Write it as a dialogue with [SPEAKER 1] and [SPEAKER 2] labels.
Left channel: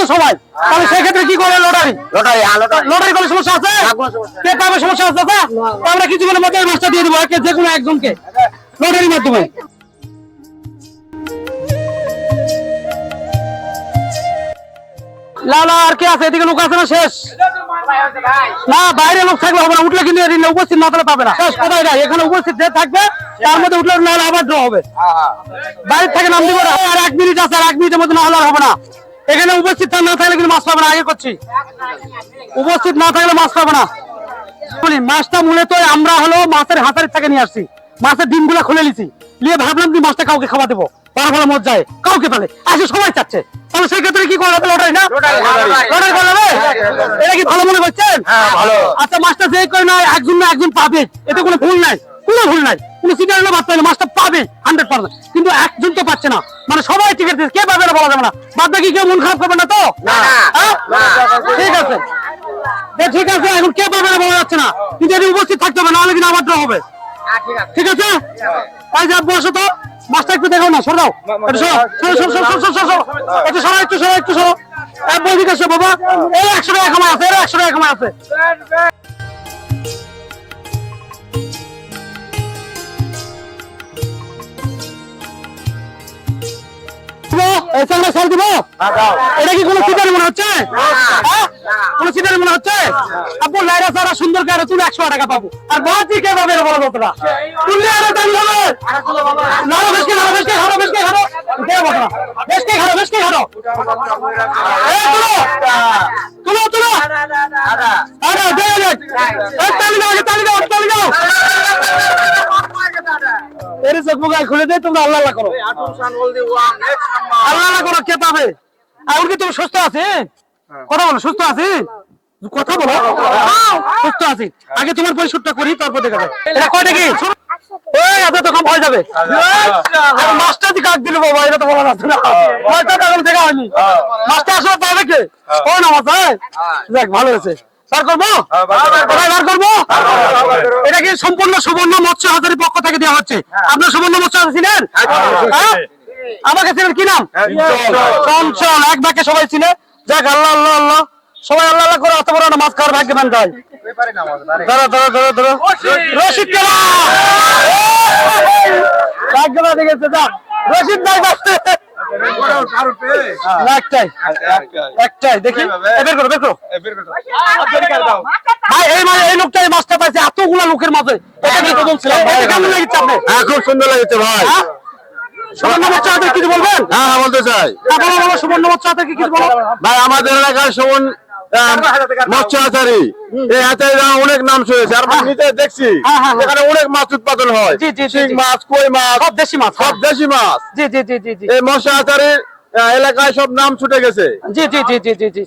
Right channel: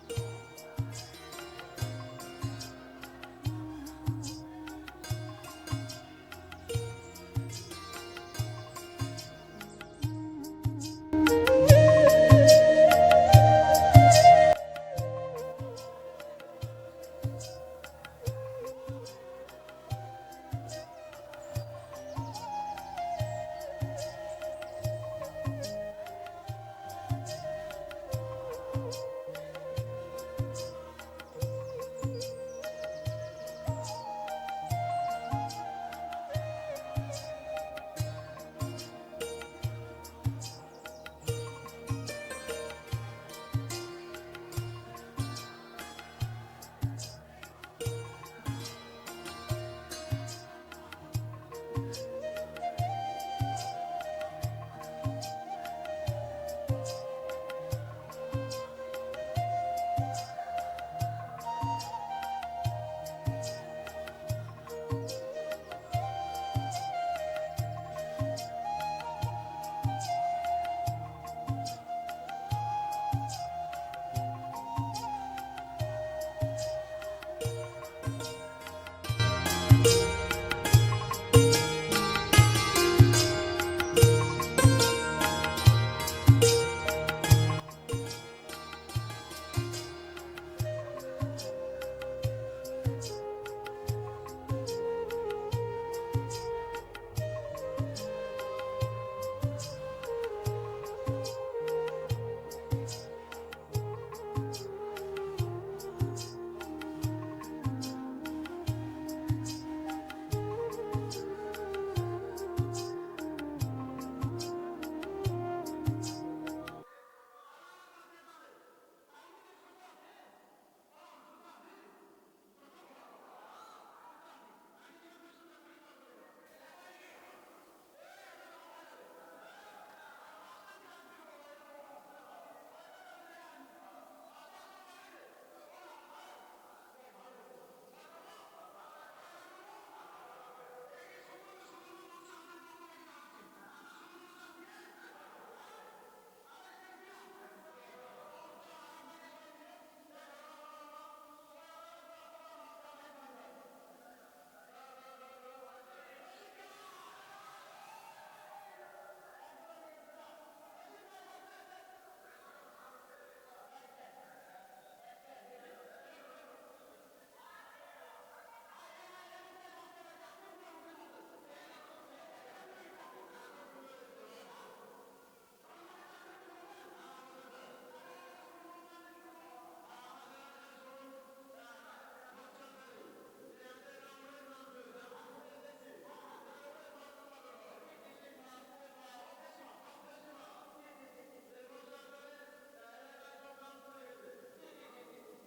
[SPEAKER 1] তো সবাই? তাহলে সেক্ষেত্রে কি করে লটারি?
[SPEAKER 2] লটারি হ্যাঁ লটারি।
[SPEAKER 1] কোনো সমস্যা আছে?
[SPEAKER 2] সমস্যা
[SPEAKER 1] কে পাবে সমস্যা আছে তো? আমরা কিছুক্ষণের মধ্যে এই মাছটা দিয়ে দেবো যে কোনো একজনকে। লটারির মাধ্যমে। না আর কে আছে? এদিকে লোক আছে না? শেষ। না বাইরে লোক থাকলে হবে না। উঠলে কিন্তু এদিকে উপস্থিত না তাহলে পাবে না। শেষ কোথায় নাই? এখানে উপস্থিত যে থাকবে তার মধ্যে উঠলে না আবার ড্র হবে। বাইরে থেকে নাম দিব আর এক মিনিট আছে আর এক মিনিটের মধ্যে না হলে হবে না। এখানে উপস্থিত না থাকলে কিন্তু মাছ পাবে না আগে করছি। উপস্থিত না থাকলে মাছ পাবে না। বলি মাছটা মূলত আমরা হলো মাছের হাতারি থেকে নিয়ে আসছি। মাছের ডিমগুলো খুলে নিছি। নিয়ে ভাবলাম যে মাছটা কাউকে খাওয়া দেবো। তার ফলে মত যায় কাউকে পেলে আসে সবাই চাচ্ছে। তাহলে সেই ক্ষেত্রে কি করা লটারি না?
[SPEAKER 2] Lottery, lottery.
[SPEAKER 1] লটারি করা এটা কি ভালো মনে করছেন?
[SPEAKER 2] হ্যাঁ,
[SPEAKER 1] আচ্ছা মাছটা যে করে না একজন না একজন পাবে। এতে কোনো ভুল নাই। কোনো ভুল নাই। কোনো হলে বাদ না, মাছটা পাবে হান্ড্রেড পার্সেন্ট কিন্তু একজন তো পাচ্ছে না। মানে সবাই টিকিট দিচ্ছে কে পাবে বলা যাবে না। বাদ বাকি কেউ মন খারাপ করবে না তো। হ্যাঁ? ঠিক আছে। ঠিক আছে এখন কে পাবে না বলা যাচ্ছে না। কিন্তু এটি উপস্থিত থাকতে হবে নাহলে কিন্তু আবার হবে। ঠিক আছে। এই যে বসো তো। মাছটা একটু দেখো না সর দাও একটু সরো সরো সরো সরো সরো সরো সরো। একটু সরো একটু সরো একটু সরো। এক বই দিকে বাবা। এই একশো টাকা কামাই আছে এই একশো টাকা কামাই আছে। চালটা সাল দিব? এটা কি কোনো সিটারি মনে হচ্ছে? হ্যাঁ? কোনো সিটারি মনে হচ্ছে? আপু লাইরা সারা সুন্দর করে তুমি একশো টাকা পাবো। আর বাকি কে পাবে বড় কতটা তুললে আরও দাম হবে। না বেশকে খারো বেশকে খারো বেশকে খারো কে বলো বেশকে খারো বেশকে খারো এই তুলো। তুলো তুলো। আরে দে দে তালি দাও তালি দাও তালি দাও। চোখ মুখ খুলে দে তোমরা আল্লাহ আল্লাহ করো। আল্লাহ আল্লাহ করো কে পাবে? এখন কি তুমি সুস্থ আছে? কথা বলো সুস্থ আছে? কথা বলো। সুস্থ আছি। আগে তোমার পরিশোধটা করি তারপর দেখা যাবে। এটা কয়টা কি? এই এত তো কম হয়ে যাবে। আর দি কাক দিল বাবা এটা তো বলা যাচ্ছে না। দেখা হয়নি। মাছটা আসলে পাবে কে? ও না হয়। যাক ভালো হয়েছে। বার করব? বার করব। এটা কি সম্পূর্ণ সুবর্ণ মৎস্য হাজারের পক্ষ থেকে দেওয়া হচ্ছে? আপনার সুবর্ণ মৎস্য ছিলেন? হ্যাঁ? আমাকে ছিলেন কি নাম? চঞ্চল। এক বাক্যে সবাই ছিল যাক আল্লাহ আল্লাহ আল্লাহ। সবাই আল্লাহ আল্লাহ করে অত বড় মাছ খাওয়ার ভাগ্যবান যায় ধরো ধরো ধরো ধরো। রশিদ ভাগ্যবান হয়ে গেছে যা রশিদ ভাই বাঁচতে। একটাই। একটাই। দেখি। বের করো বের করো। ভাই এই মানে এই লোকটা এই মাছটা পাইছে। এতগুলা লোকের মাঝে। কেমন লেগেছে আপনি
[SPEAKER 2] হ্যাঁ খুব সুন্দর লেগেছে ভাই।
[SPEAKER 1] হ্যাঁ? সুবর্ণ কিছু বলবেন?
[SPEAKER 2] হ্যাঁ হ্যাঁ বলতে চাই।
[SPEAKER 1] হ্যাঁ, সুবর্ণ কিছু
[SPEAKER 2] ভাই আমাদের এলাকার শোভন মৎস্য আচারি এই আচারিরা অনেক নাম শুনেছে আর নিজে দেখছি।
[SPEAKER 1] হ্যাঁ, হ্যাঁ, হ্যাঁ।
[SPEAKER 2] এখানে অনেক মাছ উৎপাদন হয়।
[SPEAKER 1] জি, জি, জি,
[SPEAKER 2] শিং মাছ কই মাছ
[SPEAKER 1] সব দেশি মাছ
[SPEAKER 2] সব দেশি মাছ।
[SPEAKER 1] জি জি জি জি জি।
[SPEAKER 2] এই মৎস্য আহ, এলাকায় সব নাম ছুটে গেছে।
[SPEAKER 1] জি জি জি জি জি জি।